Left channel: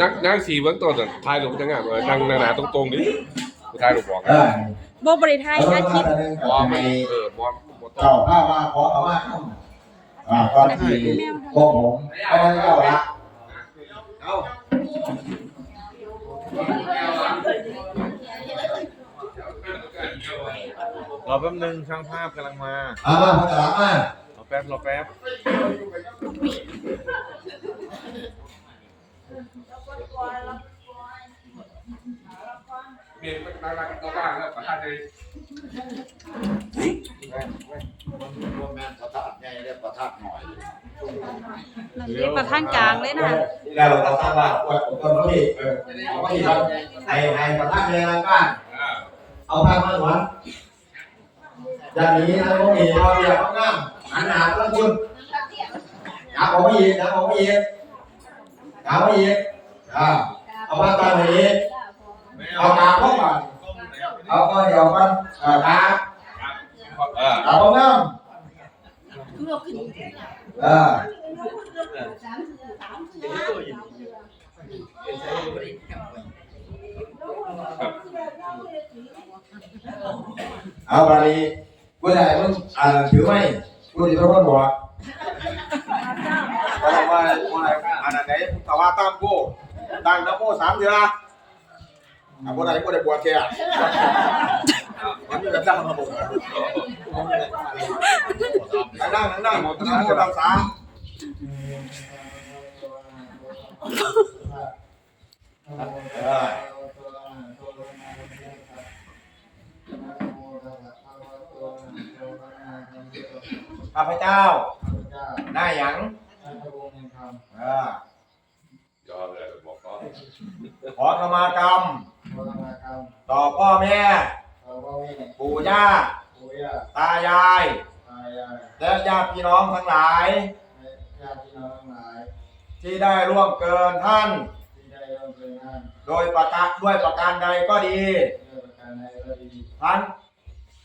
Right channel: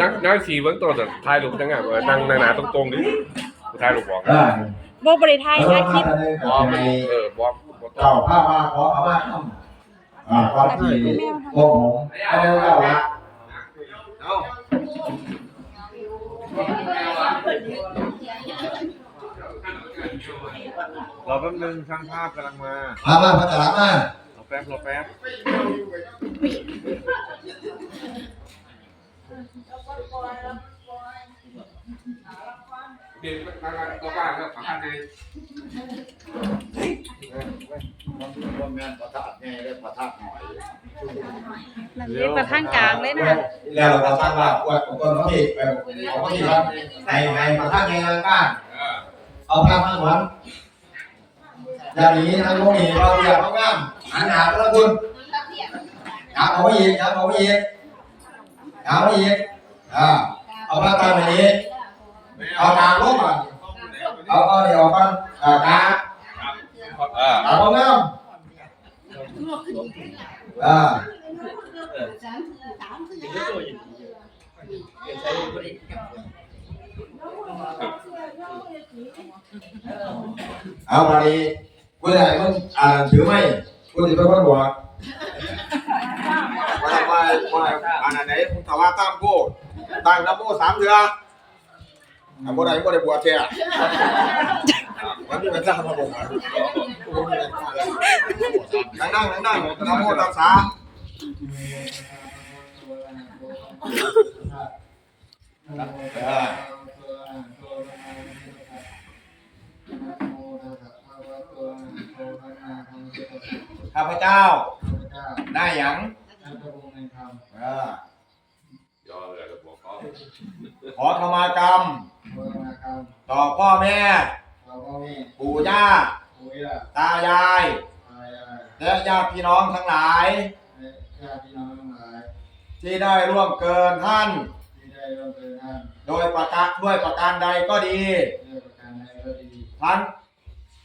นั่งนั่งสีเบื้องต้นน่ะถ่ายรูปจังงามเลยนั่งนั่งหนาตรงๆดิถ่ายรูปบอกเอกันอบ่บริไทยนะคลิปบอมมันเออบอมบ่ต้อเจ้างผ้ามาขอเอามาทำอ่าก่อนที่พวกผมไม่ได้เจ้าละเอารอแป๊บนึงช่างภาพกำลังมามามาพัฒนามา รอแป๊บรอแป๊บ เดี๋ยวนั่งนั่งตัวบ้านแล้วขอท่านเลยว่าแม่นประทัดไงเรียกประทัดหน่อยนั่นเรียกประท่านกลางเลยนะแล้วเราจะสร้างว่าอวดคนเขาผิดไปของเขาผิดครับให้ให้ประธานในรายการเออเอาผ้ามาหวนอย่างนี้ทั้งพวกนี้เราเรียกเขาง่ามหันหน้าพระคุณอย่าออกมาอีกอย่าออกมาอีกอย่าออกมาอีกอ่าเอาผ้าตามมาอีก เอากาลงมาเอาเอาเดี๋ยวเอากันอ่ากาเออเอาเขาง่ามอ่าเอาไปกูได้มึงอ่านถือไหมกูจะเป็นคนหัวว่าว่าว่าอันไหนมึงตะว่าตามกูตั้งนโมสามเดือน อะบ่ได้บ่ได้บวชเสียมันมีกระจ้างมาบอกนั่งนั่งนั่งนั่งนโมตัสสะเออข้าพเจ้าได้หยังเออยอเลยบอกก็ขอขมากรรมต่อพ่อแม่ปู่ย่าตายาย และญาติพี่น้องทั้งหลาย ที่ได้ร่วมเกินท่านโดยประกาศด้วยประการใดก็ดีทั้ง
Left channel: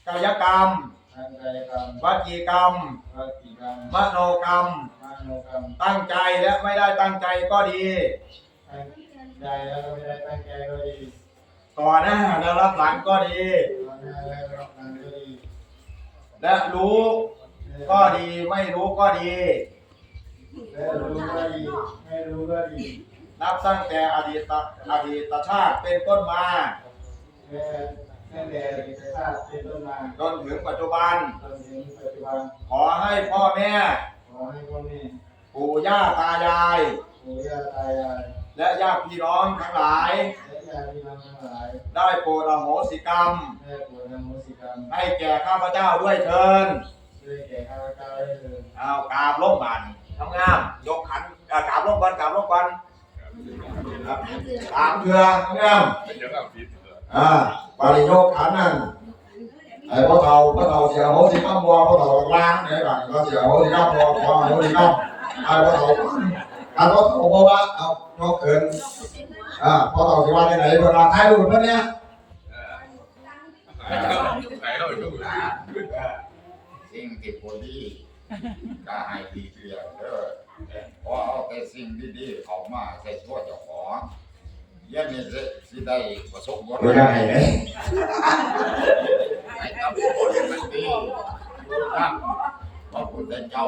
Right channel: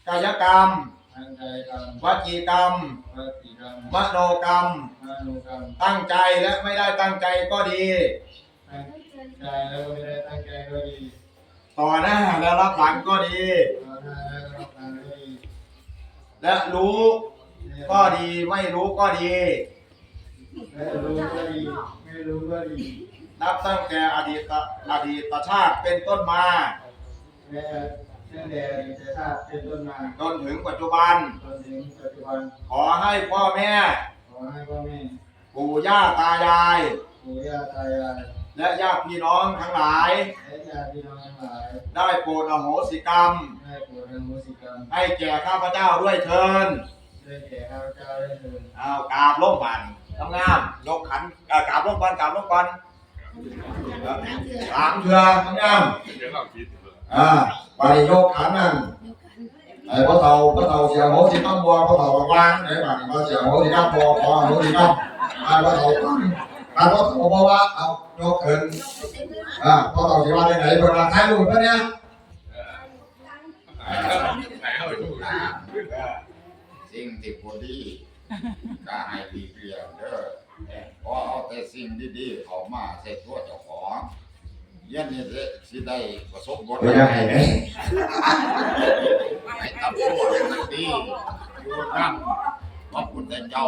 กายกรรมวจีกรรมมโนกรรมตั้งใจและไม่ได้ตั้งใจก็ดี ใจแล้วก็ไม่ได้ตั้งใจก็ดีต่อหน้าและรับหลังก็ดี ตอนหน้าแล้วก็รับงานก็ดีและรู้ก็ดีไม่รู้ก็ดี ไม่รู้ก็ดี ไม่รู้ก็ดีนับตั้งแต่อดีตอดีตชาติเป็นต้นมา แม้ตั้งแต่อดีตชาติเป็นต้นมาจนถึงปัจจุบัน จนถึงปัจจุบันขอให้พ่อแม่ ขอให้พ่อแม่ปู่ย่าตายาย ปู่ย่าตายาย และญาติพี่น้องทั้งหลาย และญาติพี่น้องทั้งหลายได้โปรดอโหสิกรรม ได้โปรดอโหสิกรรม ให้แก่ข้าพเจ้าด้วยเทินด้วยแก่ข้าพเจ้าได้เถิดเอากราบลงบานทำงามยกขันอ่ากราบลงบานกราบลงบานสามเถื่อทำงามเดี๋ยวก็ผิดอ่าปฏิโยกขันนั่นไอ้พ่อเฒ่าพ่อเฒ่าเสียโหสิกรรมบัวพ่อเฒ่าวางไหนบ้างพ่อเสียโหสิกรรมบัวพ่อโหสิกรรมไอ้พ่อเฒ่า การพ่อเฒ่าบอกว่าเอายกเกินอ่าพ่อเฒ่าสิว่าได้ไหนเวลาถ่ายรูปเพื่อนเนี่ยไหนเอาไปดูสิ่งที่พอดีก็ให้ดีเกลียวเด้อเพราะเอาแต่สิ่งดีๆเข้ามาใส่ตัวเจ้าของเยันนี่สิได้ประสบผลไม่ได้ไหนให้ทำตัวให้มันดีอยู่นั่งพระพุทธเจ้า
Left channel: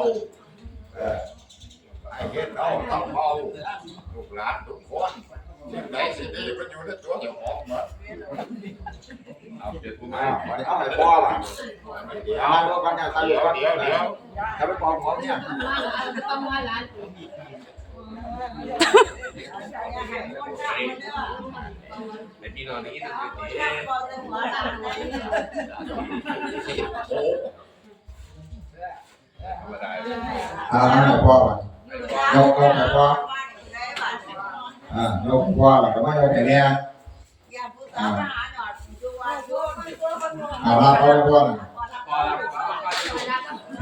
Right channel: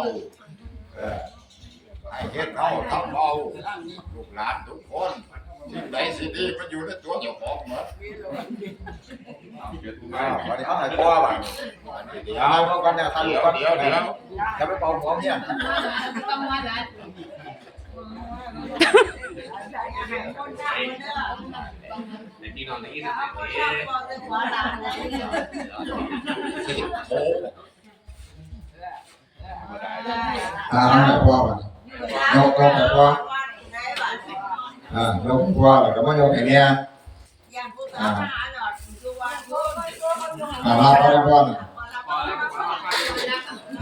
เฮ็ดเอาทำเอาลูกหลานทุกคนสิ่งใดสิดีมันอยู่ในตัวเจ้าของหมดเอาเปลี่ยนผู้อ่าวันนี้เขาให้พ่อว่ะเดี๋ยวเอาก่อนเนี่ยถ่ายรูปก่อนเดี๋ยวเดี๋ยวจะไปปองพร้อมเนี่ยไอพี่นอนอย่างนี้นะสิโอ้ธรรมดาอ่าให้พ่อมา ยกยกให้พ่ออ่ายกพ่อแล้วก็มายกให้แม่อ่าอ่าลาพ่อพ่อนะ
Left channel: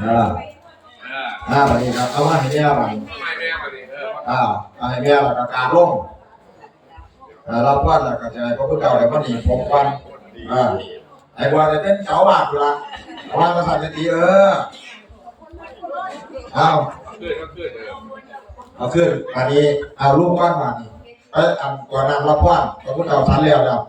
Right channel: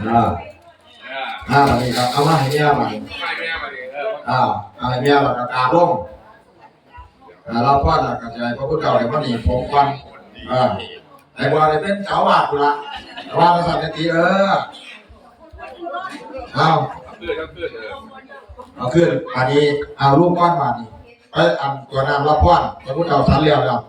อ่าอ่าบัดนี้ครับเอามาให้แม่บัดนี้ไม่แม่มาดิเอออ่าเอาให้แม่แล้วก็กราบลงอ่าเราพ่อแล้วก็จะให้พระพุทธเจ้าได้พ่อดีผมก่อนอ่าไอ้บัวได้เป็นเจ้าอาวาสกูละเจ้าภาษาเนตีเออเอา ขึ้นก็ขึ้นเออเอาขึ้นอันนี้เอารูปก้อนมานี่เอ้ยอันก่อน้ำรับพรพระพุทธเอาสันเลี้ยวแล้ว